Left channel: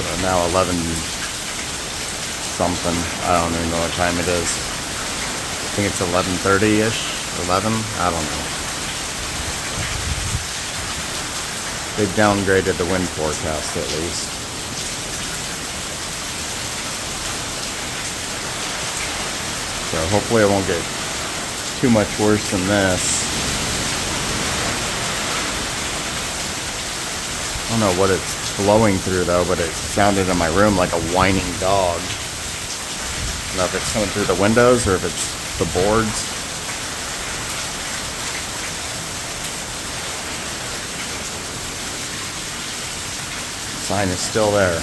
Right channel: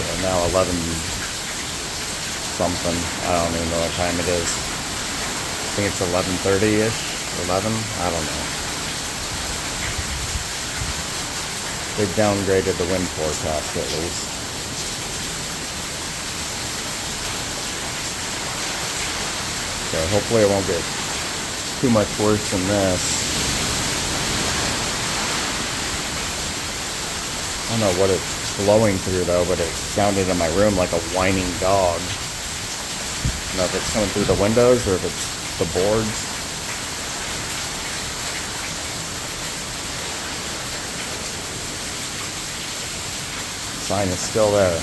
So now 11 something. I don't even know what time it is. I think it's 11:30-ish. 11? I don't know. They downgraded the wind forecast at least. So hopefully it won't get too much worse than this. I don't know what it's blowing through though, but it sounded in my room like a whining dog. I don't know if it's coming through the windows or if it's the boards. Sign is still there.